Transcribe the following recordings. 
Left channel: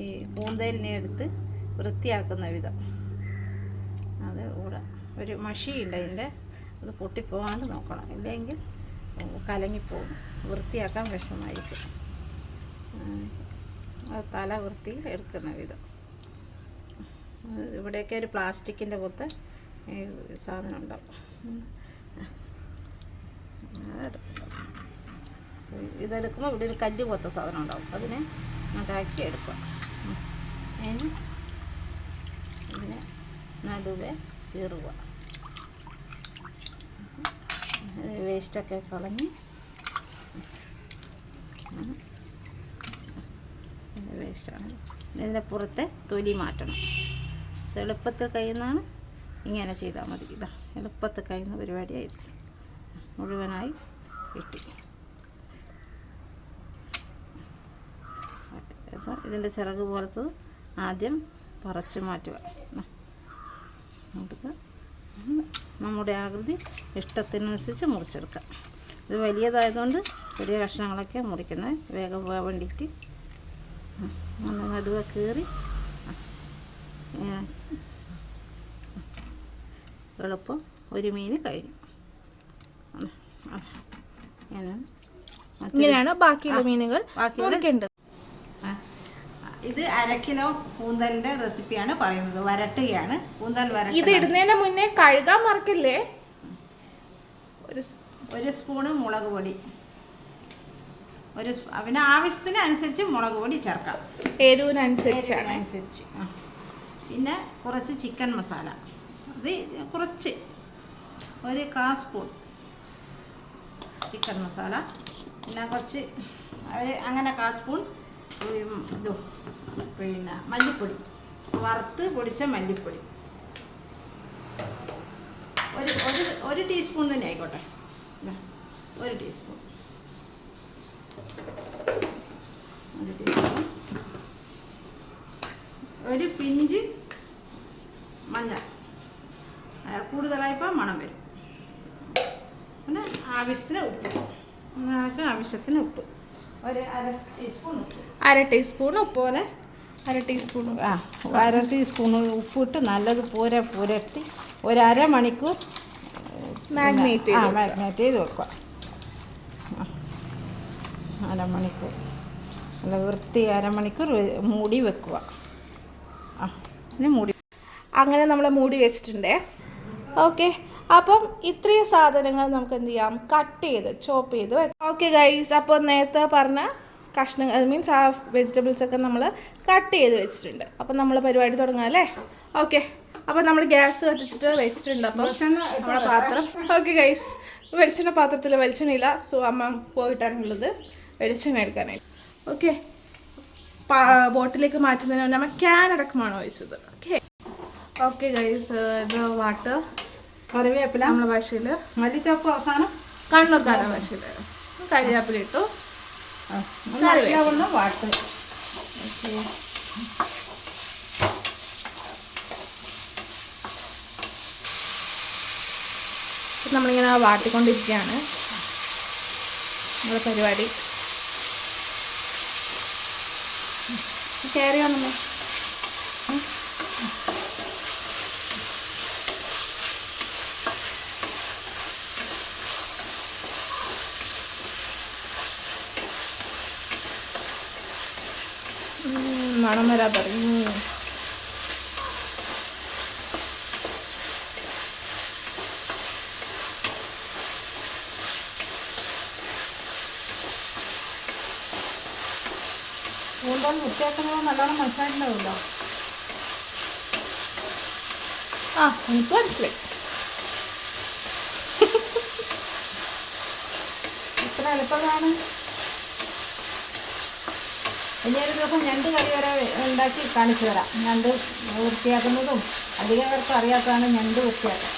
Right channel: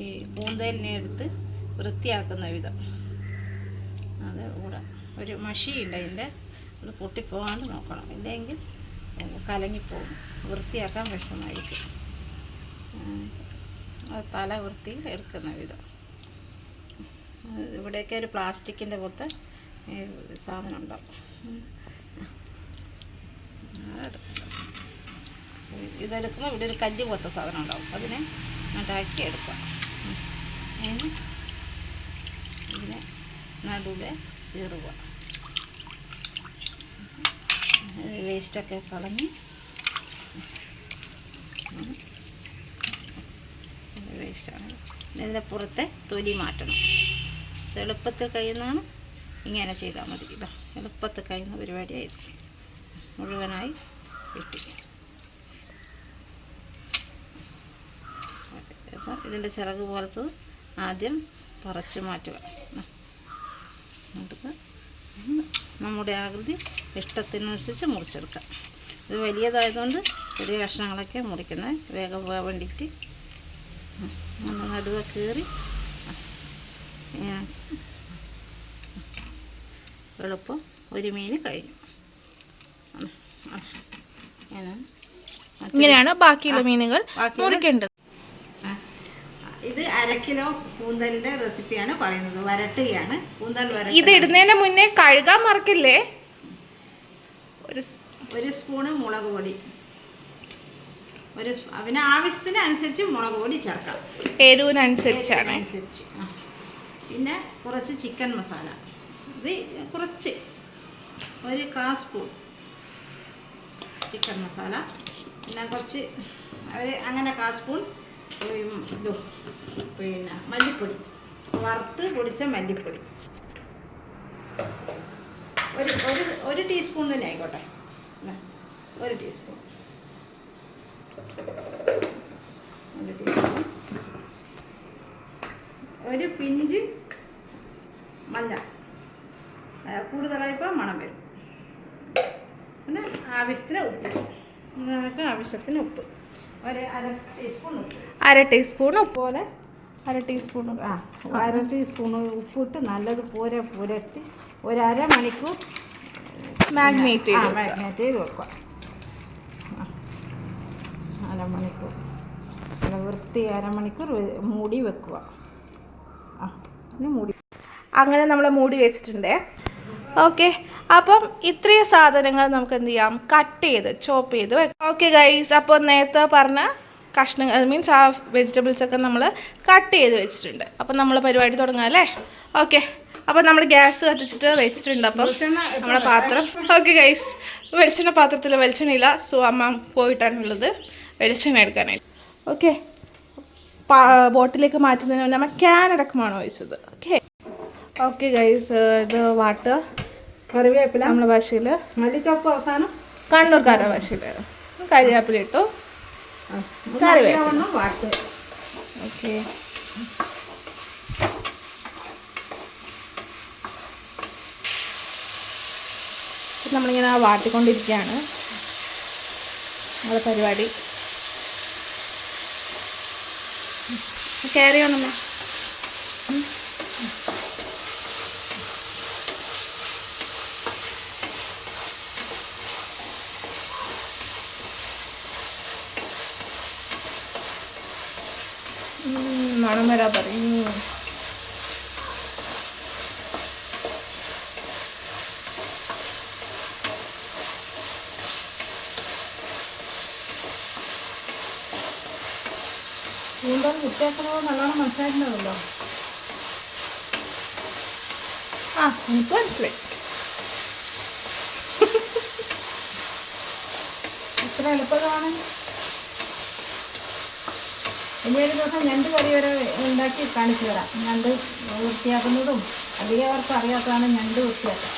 ഈ കൂന്തലിനെ എടുത്ത് വൃത്തിയാക്കുന്ന വിധം. അത് കൂടെ ഒരു മഷിയുണ്ട് അതിൻ്റെ, അത് പൊട്ടിപ്പോകാണ്ട് നോക്കണം, ഇല്ലെങ്കിൽ കലങ്ങിപ്പോകും, വൃത്തിയാക്കാൻ വിഷമമായിരിക്കും. തല വൃത്തി എടുക്കുന്ന വിധം. ഇവിടെയൊക്കെ ഒരു പ്ലാസ്റ്റിക്കിൻ്റെ പോലത്തെ സാധനം ഉണ്ടാവും. ഇതെടുക്കുമ്പോൾ ഇവിടെ ഒരു കല്ല് പോലത്തെ സാധനം ഉണ്ടാവും, അതിനെ ഉണ്ടാക്കി എടുക്കുക. ഇതിനെ നടുവെ കീറുക. വേസ്റ്റൊക്കെ കളഞ്ഞ് വേസ്റ്റാണ്. ഇതിൻ്റെ പുറത്തെ തൊലി മാറ്റണം. ഇത് എളുപ്പത്തിൽ കഴിയുന്നതാണ്, ഇങ്ങനെ ചെയ്താൽ മതി. ഇതാ എളുപ്പത്തിൽ കഴിയുന്ന പരിപാടിയായത്, മുഴുവനായി കിട്ടി. അപ്പോൾ ഇതിൻ്റെ ചിറക് പോലത്തത് ആദ്യം പറിച്ച് മാറ്റുക. നമുക്ക് നമ്മുടെ ആകൃതി ഇഷ്ടത്തിനനുസരിച്ച് മുറിച്ചെടുക്കാം. ഇത് വലിയതായതുകൊണ്ട് ചെറിയ കഷ്ണങ്ങളൊക്കെ മുറിക്കുന്നത്, വേഗം പോകാൻ വേണ്ടിയിട്ട്. അങ്ങനെ നടുവ കീറി എളുപ്പം ഒരു മീൻ കഴിഞ്ഞു. ഇങ്ങനെയാണ് ബാക്കിയുള്ള മീനുകൾ മുറിക്കേണ്ടത്. ഇത് 1/2 കിലോ കൂന്തലിൻ്റെ റെസിപ്പിയാണ് പറയുന്നത്. വരട്ടുകയാണ് കൂന്തൽ വരട്ട്. ഇത് ഇടുന്നതിന് മുന്നേ കഴുകാൻ മറക്കില്ലേ? ഒരു സ്പൂണ് മുളക് പൊടി, അവന് ആവശ്യത്തിന് അനുസരിച്ച് മുളക് പൊടി ചേർക്കാം, എരിവിനനുസരിച്ചാണ്. പിന്നെ കുറച്ച് ചിക്കൻ മസാല, ഇത് കുറച്ച് ഒരു 1/4 സ്പൂൺ ചിക്കൻ മസാല. പിന്നെ കുറച്ച് അങ്ങനെ 1/4 സ്പൂൺ പിന്നെ മല്ലിപ്പൊടി, വറുത്ത് പൊടിച്ച മല്ലിപ്പൊടി ഒരു ടീസ്പൂൺ തന്നെ ആയിക്കോട്ടെ. 1 ടീസ്പൂൺ, 1 ടീസ്പൂൺ. ഒരു പിഞ്ച് മഞ്ഞൾ, കൂടുതലായപ്പോൾ മണം വരും. പിന്നെ ആവശ്യത്തിന് ഉപ്പ്, നിങ്ങൾക്ക് ആവശ്യത്തിന് ഉപ്പ്, ഒരു 1/2 ടീസ്പൂൺ ഉപ്പ്, 1/2 ടീസ്പൂൺ ഉപ്പ് പോലെ 1/2 ടീസ്പൂൺ 1/2 ടീസ്പൂൺ ഉപ്പിട്ട് നല്ലത് പുരട്ടി ഒരു 1/2 മണിക്കൂർ മാഗ്നേറ്റ് ചെയ്ത് വെക്കുക. 1/2 മണിക്കൂർ നല്ല വൃത്തി 1/2 മണിക്കൂർ മൂടി വെക്കുക. മൂടി അങ്ങനെ നമ്മൾ മൂടി വെച്ചിട്ടുണ്ട്. ഓക്കെ, അപ്പം ഇത്രയും സാധനങ്ങൾ നമുക്ക് എന്ത് ചെയ്യാം, കട്ട് ചെയ്ത് ചോപ്പ് ചെയ്ത് വെക്കാം. ഓക്കെ ഗൈസ്, അപ്പോൾ നേരത്തെ പറഞ്ഞ കഷ്ണങ്ങൾ മീൻസ് ആ വെജിറ്റബിൾസൊക്കെ നമ്മൾ കട്ട് ചെയ്ത് വെച്ചിട്ടുണ്ട്. അപ്പം നമ്മൾ പരിപാടി തുടങ്ങാം അല്ലേ? ഓക്കെ, അപ്പോൾ നമ്മൾ ഗ്യാസ് കത്തിച്ചിട്ട് വെച്ചിട്ടുണ്ട്. അപ്പം നമ്മുടെ പാത്രം, ഓക്കെ ഗൈസ്, വെളിച്ചെണ്ണ പാത്രത്തിൽ വെളിച്ചെണ്ണയില്ല, സോ അമ്മ പോയിട്ടാണുള്ളത് വെളിച്ചെണ്ണ എടുക്കാനായിട്ട്. ഓക്കെ, ബോട്ടിലേക്ക് മാറ്റുന്നതിന് നമ്മൾ ക്യാൻ അടക്കമാണ് ഒഴിച്ചത്. ഓക്കെ ഓക്കെ ഗൈസ്, ഇത് വാട്ട് കറിവേപ്പില, നമ്മളെ ഭാഷയിൽ മല്ലിച്ചപ്പ്, അവസാനം കണ്ണൂർക്കാരുടെ ഭാഷയിൽ കറിവേപ്പില ഇട്ടു, കറിവേപ്പില വാട്ട്. ഓക്കെ, നമ്മളിങ്ങനെ വാട്ടിക്കൊണ്ടിരിക്കുകയാണ് നമ്മുടെ പരിപാടി. കയറി വന്നമ്മ. മണം വരാ പറയും. കൂന്തൽ വൃത്തിയാക്കുന്നത് നല്ലോണം മനസ്സിലായിട്ടുണ്ടാവുമല്ലോ. എനിക്ക് മനസ്സിലായി. ഇത്ര എളുപ്പമാണ്. ഇനി ഒരു ദിവസം ഞണ്ട് കറി വരെ ഉണ്ടാക്കി കാണിച്ചു തരാം. ഞണ്ട് വൃത്തിയാക്കുന്നതും അധികം പേർക്ക് അറിയാത്തതാണ് ഞണ്ട് വൃത്തിയാക്കുക.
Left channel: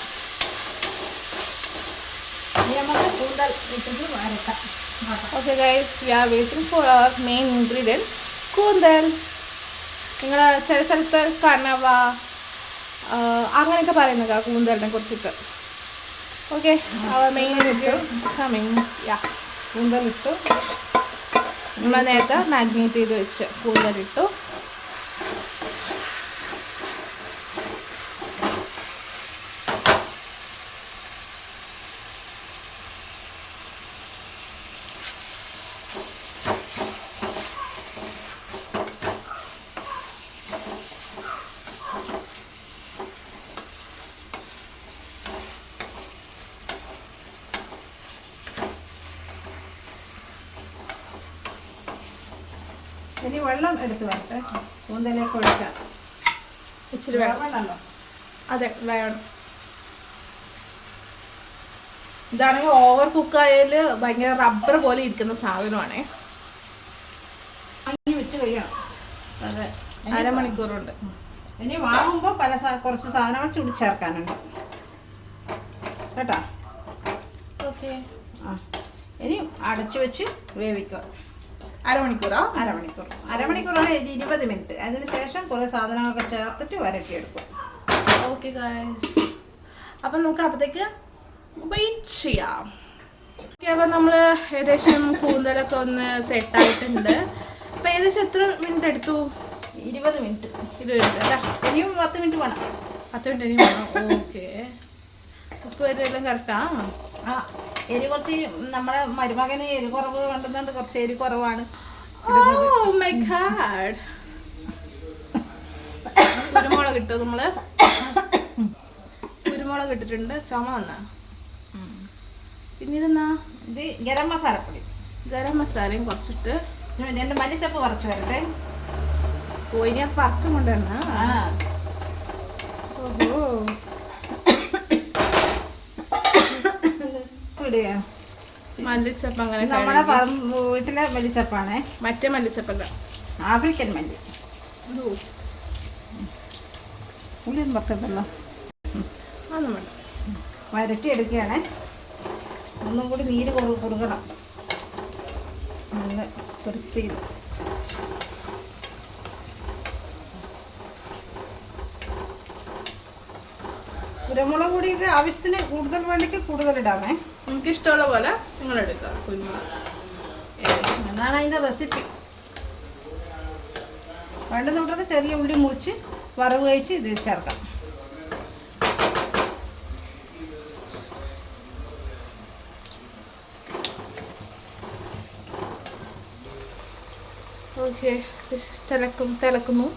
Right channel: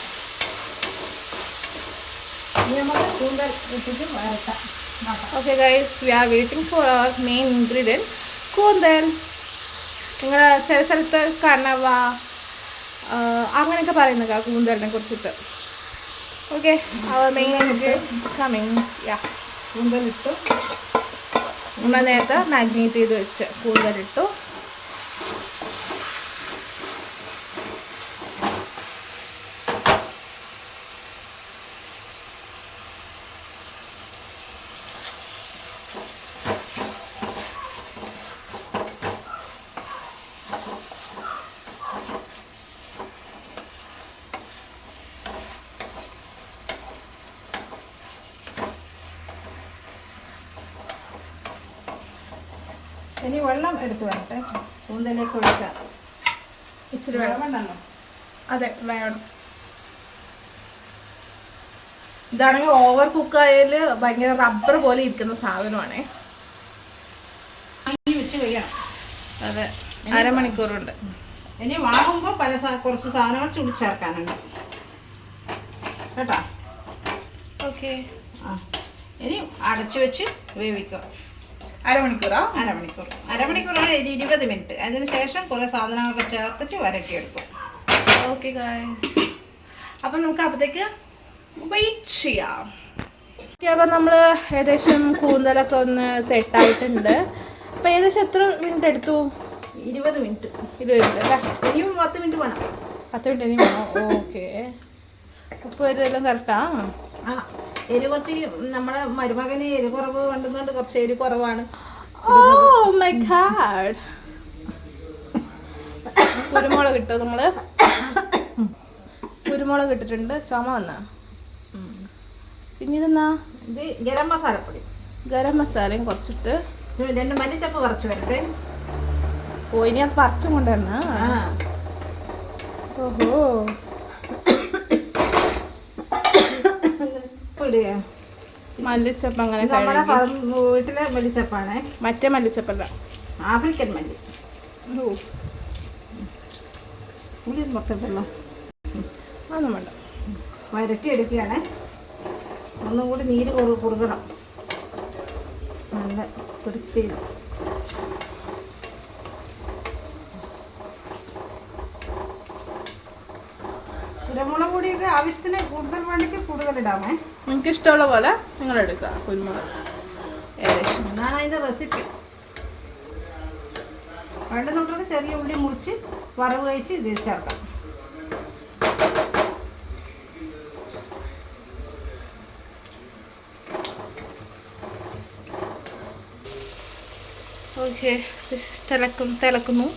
ഇനി നമുക്ക് കൂന്തൽ ഇട്ടിട്ട് വരക്കാം. Okay guys, we are waiting for our main ingredient കൂന്തൽ. നിങ്ങൾ ചില സ്ഥലത്ത് കണവ അങ്ങനെയൊക്കെ പറയുന്നത് കൂന്തലിനെ കുറിച്ചിട്ട്. Okay, our main ingredient coming. Yeah, കൂന്തലിട്ടു. നമ്മൾ നേരത്തെ മാഗ്നേറ്റ് ചെയ്ത് വെച്ച് കൂന്തലിട്ടു. ഇനി വെള്ളം എടുത്ത് വരട്ടെ. കൂന്തലേക്ക് ഒഴിക്കാം. ഇച്ചിരി വെള്ളം വേണ്ടല്ലോ. അതെ വേണം. ഇതാണെങ്കിൽ ഓവർ കുക്കായാൽ ഭയങ്കര റബ്ബർ പോലെ ഇരിക്കുന്ന സാധനമാണേ. വെച്ച് കഴിയണം. അതെ, അരമണിക്കൂറുണ്ട്. ഇനി വാങ്ങുമ്പോൾ കുറച്ച് സാധനങ്ങൾ ചുടി ചേർക്കാനുണ്ട് കേട്ടോ. ഓക്കെ. ആ ഇനി അടച്ചു വെച്ച് വേവിക്കുക. അരമണിക്കൂറോ? അരമണിക്കൂറാണ് 20 മിനിറ്റ്. അതിന് ശേഷം കുറേ സാധനങ്ങളൊക്കെ ചേർത്തിട്ട് വരട്ടിയെടുക്കും. ഓക്കെ ഗായ്സ്, അപ്പം നമുക്ക് അപ്പോഴത്തേക്ക് വെയിറ്റ് ചെയ്യാം. ഓക്കെ, അപ്പം നമ്മൾ ഏകദേശം കൂന്തലൊക്കെ ഒന്ന് സെറ്റായിട്ടുണ്ട്. അപ്പം ഏകദേശം എത്ര മിനിറ്റ് എടുത്തു? 20 മിനിറ്റ്. 20 മിനിറ്റ് അല്ലേ? ഇനിയും 10 മിനിറ്റ് വേണം. 10 മിനിറ്റ് ഇനി വേണം. ഓക്കെ. ഉപ്പ് എല്ലാം കറക്റ്റാ? ആ എരി കുറച്ച് നമ്മുടെ മരുമകന് എരി കുറവ് വേണ്ടുന്നുണ്ട്. കുറച്ച് എരി കുറവാണ്. Oh my God. കുരുമുളക് ഇട്ടു. നമ്മള് കുരുമുളക് ഇട്ടിട്ടുണ്ട്. ചുമ വന്നാ. പിന്നെ ഇതെന്നാ? ഇത് ഗരം മസാലപ്പൊടി. ഗരം മസാലയും കുറച്ചിട്ട് 2 മല്ലിച്ചപ്പ് പറിച്ചു വരട്ടെ. ഓ, ഇനി അത് പറിച്ചും കൊണ്ടുവരണ. ഓഹോ, മല്ലിച്ചപ്പ് അങ്ങനെ നമ്മുടെ വീട്ടിലെ മല്ലിച്ചപ്പാണേ. മറ്റേ മല്ലിച്ചപ്പല്ല, ആഫ്രിക്കൻ മല്ലി. ഉള്ളിൽ വെക്കണ്ടല്ലോ. അതൊന്നും വേണ്ട. വരട്ടി എടുക്കുകയാണേ. ഒന്നും കൂടി നീര് കുറുകണം. നല്ല വൃത്തിയിൽ. കുരുമുളക് പൊടിയൊക്കെ ആവശ്യത്തിന് കൂടുതൽ വേണ്ടിക്ക് കൂടുതലിടാമേ. നിങ്ങൾക്ക് ഇഷ്ടമുള്ള പോലെ നിങ്ങൾ എടുക്കുക കുരുമുളക്. എന്നാണ് അതിൻ്റെ റെസിപ്പി. വേണ്ടുന്നുള്ളത് ചെറിയ ഉള്ളി മുറിച്ച് വറവ് കഴിച്ച് ഇത് ചേർക്കാം. ഓക്കെ, തിളക്കുന്നു.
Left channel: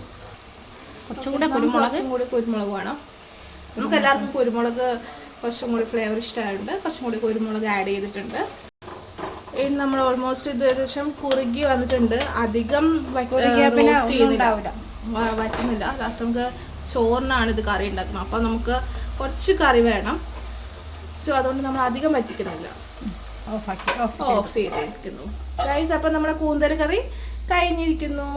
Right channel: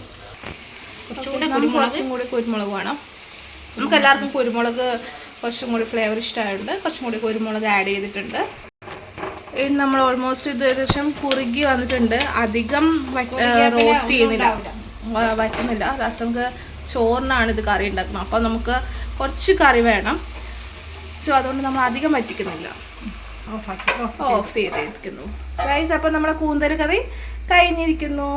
കുറച്ചും കൂടി കുരുമുളക് വേണം. നമുക്ക് എല്ലാവർക്കും കുരുമുളക് കുറച്ചും കൂടി ഫ്ലേവർ ഇഷ്ടമായിട്ടുണ്ട്. കുറച്ചും കൂടി കുരുമുളക് ആഡ് ചെയ്തിട്ടുണ്ട്. ഇനി നമ്മൾ ഓൾമോസ്റ്റ് ഇത് ഏകദേശം കുറുകി വന്നിട്ടുണ്ട്. അധികം റോസ്റ്റ് ചെയ്യുന്നില്ല, വറ്റുന്നില്ല. ലാസ്റ്റ് നമുക്ക് ചോറിനാണ് ഇത് കറി ഉണ്ടാക്കുന്നത്. അപ്പോൾ നമുക്ക് കുറച്ച് കറി വേണം. സോ അതുകൊണ്ട് നമ്മൾ അധികം വറ്റിക്കുന്നില്ല, ഓഫ് ചെയ്തിരിക്കുന്നു ഗൈസ്. അപ്പം നമ്മുടെ കൂന്തൽ കറി കഴിഞ്ഞിരിക്കുന്നു.